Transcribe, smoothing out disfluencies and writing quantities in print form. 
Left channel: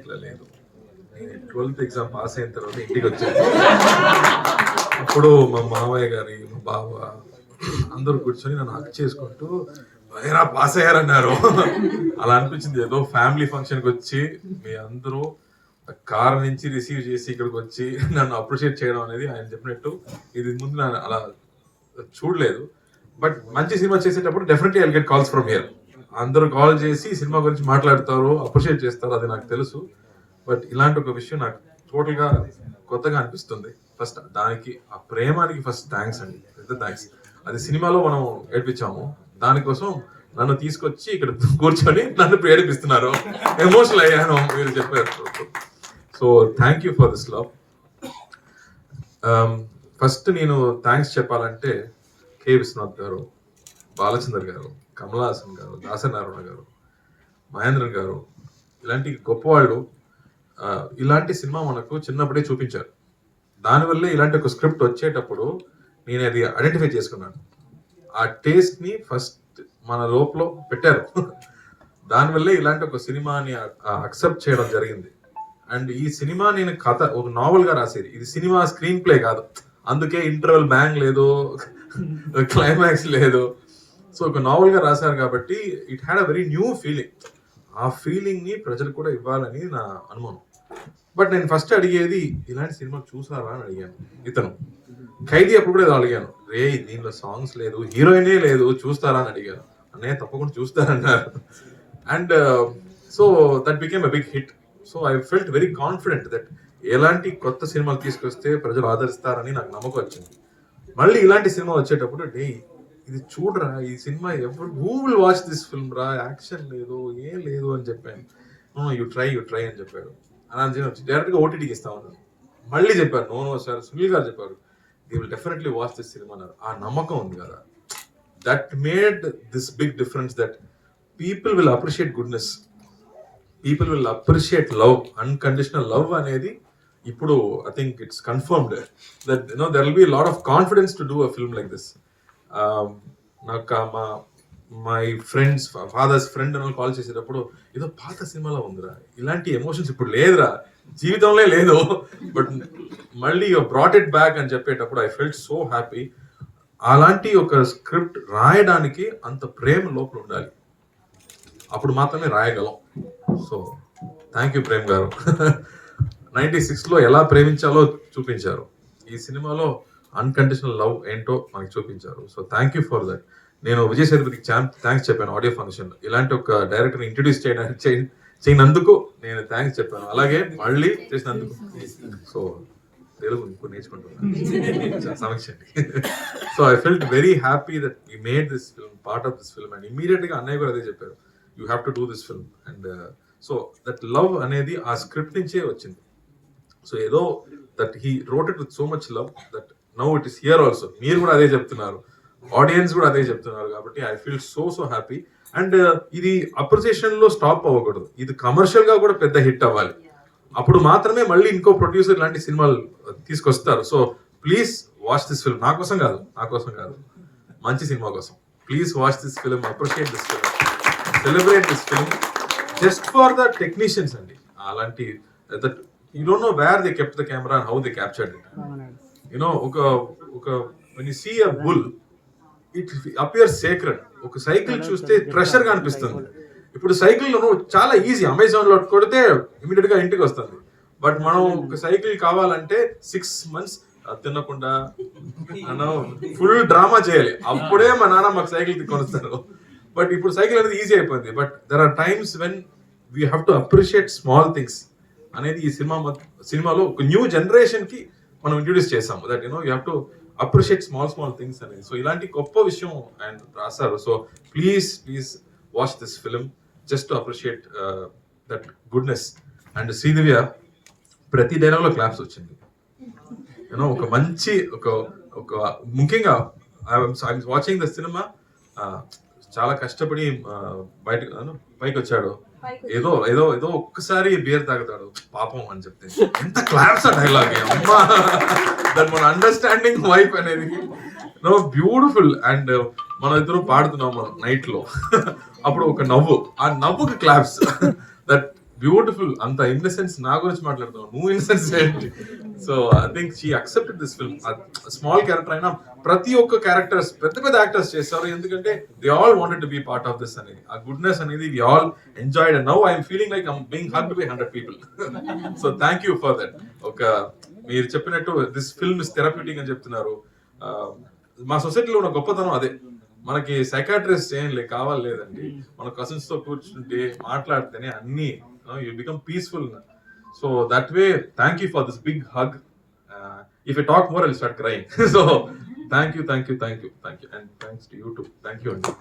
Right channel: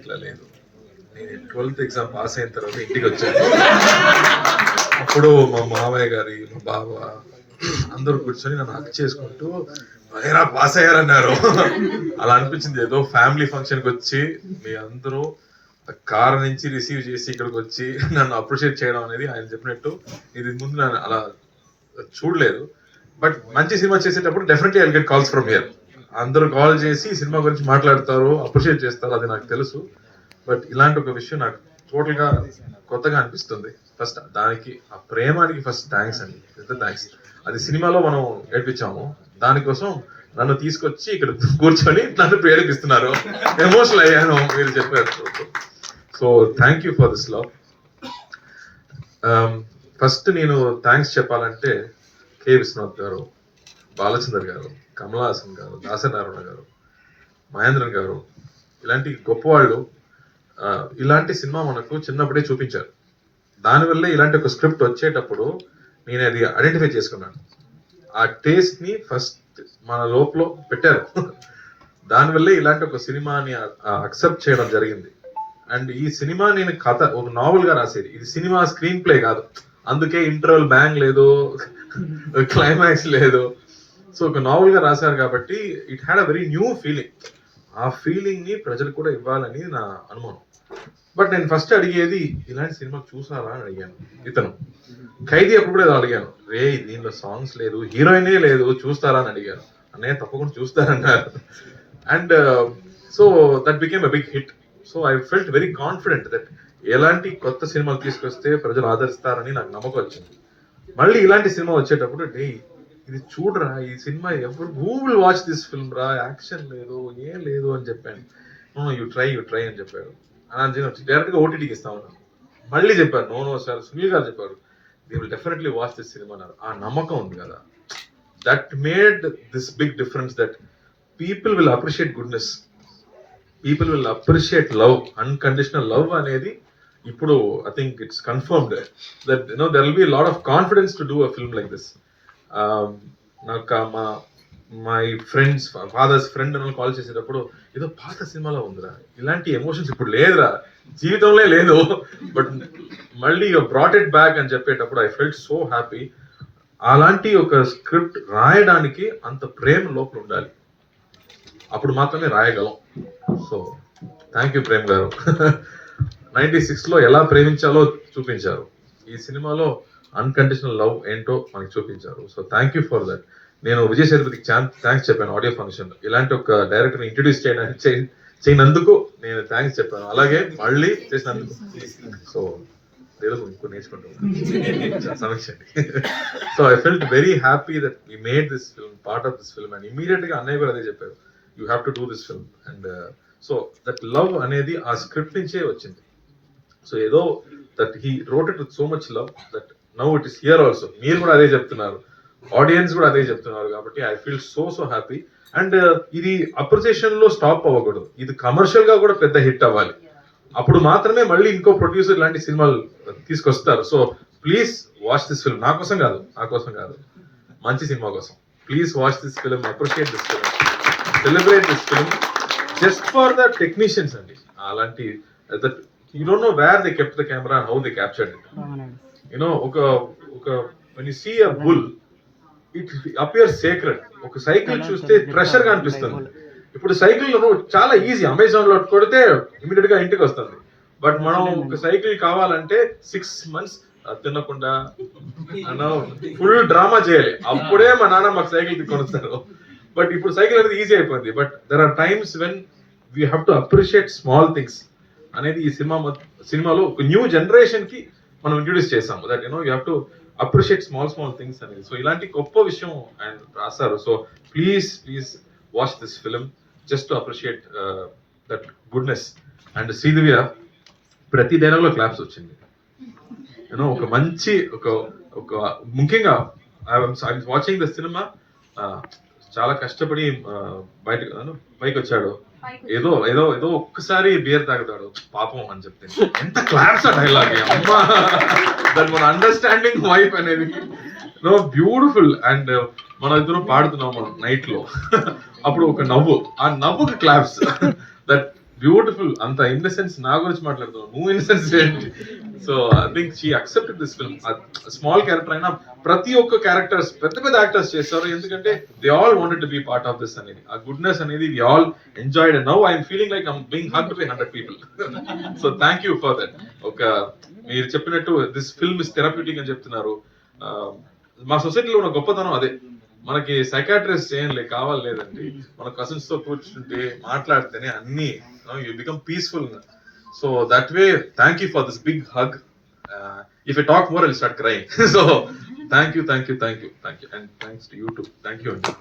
ఇట్లా లేదు. నేను 12th ఎగ్జామ్ పాస్ అయిన తర్వాత ఇంటికి వచ్చాను. అప్పుడు మా మావయ్య గారి, మా బావ అందరూ కూర్చొని నన్ను హక్ చేసుకుంటూ "అయినా పాస్ అయ్యారన్నారు." అలా అనిపించింది. ఏదో ఫ్యామిలీ ఫంక్షన్కి వచ్చి మీ అందరూ కార్ నుంచి రిసీవ్ చేసి ఇక్కడికి వచ్చి నన్ను అప్రిషియేట్ చేయడం అనేది ఆయన చెప్పినట్టు ఇది ముందు నన్ను అలా చూడలేదు. బట్ మంచి సినిమా చేసేటప్పుడు definitely I get calls from here. అందరూ కాల్ చేసి సినిమా గురించి మాట్లాడతారు, అప్రిషియేట్ చేస్తారు, అది నాకు తెలుసు. బట్ ఇలాంటి ఒక విషయం నాకు టోటల్ గా కొత్తగా అనిపిస్తుంది. ఫస్ట్ దానికి ఆ ప్రేమానికి ఫస్ట్ థ్యాంక్స్ అండి, పెద్ద థ్యాంక్స్. అది సినిమాలో మనం ఏడిపించాము, దానికోసం నన్ను తీసుకొచ్చి ఇక్కడ కూర్చొని నన్ను ప్రేరేపిస్తున్నారు. ఎమోషనల్ అయ్యాను మీరు చెప్పారు. So thank you for this love. First నేను థ్యాంక్స్ చెప్పాలంటే కె విశ్వనాథ్ గారు, బాలచందర్ గారు, కమలా హాసన్ గారు, దాసనారాయణ గారు, మహేంద్రన్ గారు, ఇలాంటి గొప్పవాళ్ళు ఇలాంటి సినిమా మనకు చిన్నప్పుడే చూపించారు. దానివల్లే ఇలాంటి ఒక స్క్రిప్ట్ వచ్చేటప్పుడు నేను అది ఐడెంటిఫై చేసుకున్నాను. ఆ టేస్ట్ ని ఫస్ట్ మన లోపల పెట్టారు. దానివల్లే ఇలాంటి ఒక సినిమాని అక్సెప్ట్ చేయడం జరిగింది. అండ్ ఈ సినిమా నేను కథ ఒక నావెల్ గా రాసేది, ఇది సినిమా స్క్రీన్ ప్లే కాదు. అందుకే ఇంటర్వల్ బ్యాంగ్ లేదు, క్లైమాక్స్ లేదు. సో ఒక నావెల్ గా రాశారు కాబట్టి it had a very new feeling. ఆ ఫీలింగ్ ని ప్రజలు కూడా ఇవ్వాలని నా అనుమానం. బట్ నేను ఫస్ట్ అడిగేది ఇలాంటి సినిమా చూసారా అని అడిగాను. ఇతను ఖైదీ అప్పుడు కూడా అడిగాను, రే దీనిలో సాంగ్స్ లేదు, హీరోయినే లేదు, చూస్తారా అని అడిగాను. అన్నయ్య తప్పకుండా చూస్తారన్నారు. And so that became a big hit. So I felt very confident that ఎలాంటి కొత్త సినిమాలు తీసుకొస్తే ప్రజలు ఆదరిస్తారని నాకు నమ్మకం వచ్చింది. మళ్ళీ ఇలాంటి సినిమా వచ్చేటప్పుడు డే ఇది చూడరా, ఈ సినిమా ఎవరు who will watch this film రా, యాక్షన్ లేదు ఏం లేదు అని చెప్పాను. యూ ట్రై అని చెప్పాడు. డైరెక్ట్ గా ఓటీటీకి ఇస్తామన్నా. మళ్ళీ చెప్పారు నో సార్, సునీల్ గారు చెప్పారు they will definitely watch this cinema అన్నారు. ఆ నమ్మకం ఉంది కదా, that made this big difference that people will appreciate goodness, people will appreciate love, unconditional love అనేది ఇప్పుడు I think it's confirmed that there will be lot of confidence to do a film like this. నాకు my friends, father's friend అని call చేసేటప్పుడు ఏదో పాత సినిమాలో ఉందిరా, ఇలాంటి ఎమోషన్స్ ఇప్పుడు లేదురా, జీవితంలో లేదు, బట్ మళ్ళీ బ్రాట్ ఇట్ బ్యాక్ అని చెప్పేటప్పుడు ఐ ఫెల్ట్ సో హ్యాపీ. అలాంటి ఒక స్క్రిప్ట్ రాయడానికి అంత ప్రేమ లోపల ఉండాలి, అప్పుడు మాత్రమే రాయగలం. సో థ్యాంక్ యూ ప్రేమ్ గారు. 96లో ఎలా ప్రేమించాలో చూపించారు, ఈ సినిమాలో అన్కండిషనల్ లవ్ ఏంటో మనకు చూపించారు. So thank you for that. నేను విజయ్ సేతుపతికి థ్యాంక్స్ చెప్పాను ఆడియో ఫంక్షన్. ఇలాంటి ఒక డైరెక్టర్ ఇంట్రడ్యూస్ చేయనందుకు నేను థ్యాంక్స్ చెప్పాను, అలాగే మళ్ళీ చేసినందుకు. సో తెలుగు ఇంకో నేర్చుకుంటాను సమీక్షండి. So I felt very happy that we made this film, part of this film. And immediate గా అన్నయ్య కూడా అదే చెప్పారు, you have to do this film. And so that love అనేది ఆ స్క్రిప్ట్ నుంచే వచ్చింది. సో ఏదో that he wrote it with so much love that now it is here also. మీరు కూడా అదే చెప్తున్నారు, ఆడియన్స్ కూడా అదే చెప్తున్నారు, కాబట్టి I feel so happy. And ఇది అప్రిసియేషన్ లో స్టాప్ అవ్వకూడదు, ఇది కమర్షియల్ గా కూడా పెద్ద హిట్ అవ్వాలి. అప్పుడు మాత్రమే మళ్ళీ ఇంకో ప్రొడ్యూసర్ ఇలాంటి సినిమాలు తీసుకొస్తారు. So please watch this film. నా కోసం కాదు, మంచి సినిమా కోసం. Please watch this film, appreciate this film, celebrate this film. Just for the technicians అండి. అలాంటి that you don't know where they kept the camera, how they captured it. ఒక when you see a bull, it appears sacred. ఒక cycle చూస్తే treasure గా అనిపిస్తుంది. ఇప్పుడు cycle చాలా easy, Amazon లో కొడితే ఇమీడియట్ గా ఇంటికి వస్తుంది. బట్ మనం ఒక సైకిల్ కావాలంటే 6 months తినకుండా ఫుల్ డ్రామా చేయాలి, అప్పుడే మా నాన్న మాకు సైకిల్ కొనుస్తారు. బట్ ఇప్పుడు సైకిల్ అనేది ఈజీ అయిపోయింది. But there are times when we have to appreciate small things అనేది ఈ సినిమాలో ఒక న్యూ జనరేషన్ కి మనం ఇంట్రడ్యూస్ చేసాము. That you have to appreciate small things అనేది. సో ఇలాంటి గొప్ప విషయం ఆయన రాశారు. So please watch this film just to appreciate that goodness. And Sridivya ప్రతి డైలాగ్ లో క్లాప్స్ వచ్చింది. ఒక మంచి ఒక ముఖ్యంగా వాచింగ్ ద సినిమా, చాలా కష్టపడి పైకి వచ్చాడు. ఏదో ఒక్కసారి బియర్ తాగుతాడు పాపం అని చెప్తే ఎంత క్లాప్స్ ఆ డైలాగ్. అమ్మా, దట్ మన అండర్స్టాండింగ్ వైఫ్ అనేది బ్యూటిఫుల్. అండ్ మన ఇద్దరు పాడుతున్నాము నైట్ లో, అప్పుడు ఒక నవ్వు, ఆ నవ్వుకి క్లాప్స్. That beautiful. అంత ఇన్నసెన్స్ నా గురించి మాట్లాడుతున్నావు, నువ్వు ఇన్నసెన్స్ ఏంటి? So I think she accepted this film. Small character అయినా ప్రతి ఒక్క క్యారెక్టర్స్ పెద్ద పెద్ద యాక్టర్స్ చేస్తారు, ఎందుకంటే they all wanted to be part of this అనేది. ఆ గుడ్నెస్ అనేది we all enjoyed and now I'm feeling like I'm being hugged by 100 people. So thank you for that. ఒక మీరు చెప్పినట్టు దిస్ ఫిల్మ్ ఇస్ థెరప్యూటిక్ అని చెప్తున్నారు. మా సొసైటీలో ఉన్న గొప్పతనం అదే. మనకి సైకాట్రిస్ట్ ఏం కావాలి లేదండి, మన కజిన్స్ తో కూర్చుంటే మాట్లాడితేనే అన్ని you become peaceful. So that way thank you for this big hug. If I talk more I will start crying. So thank you and thanks to you too. Thank you అండి.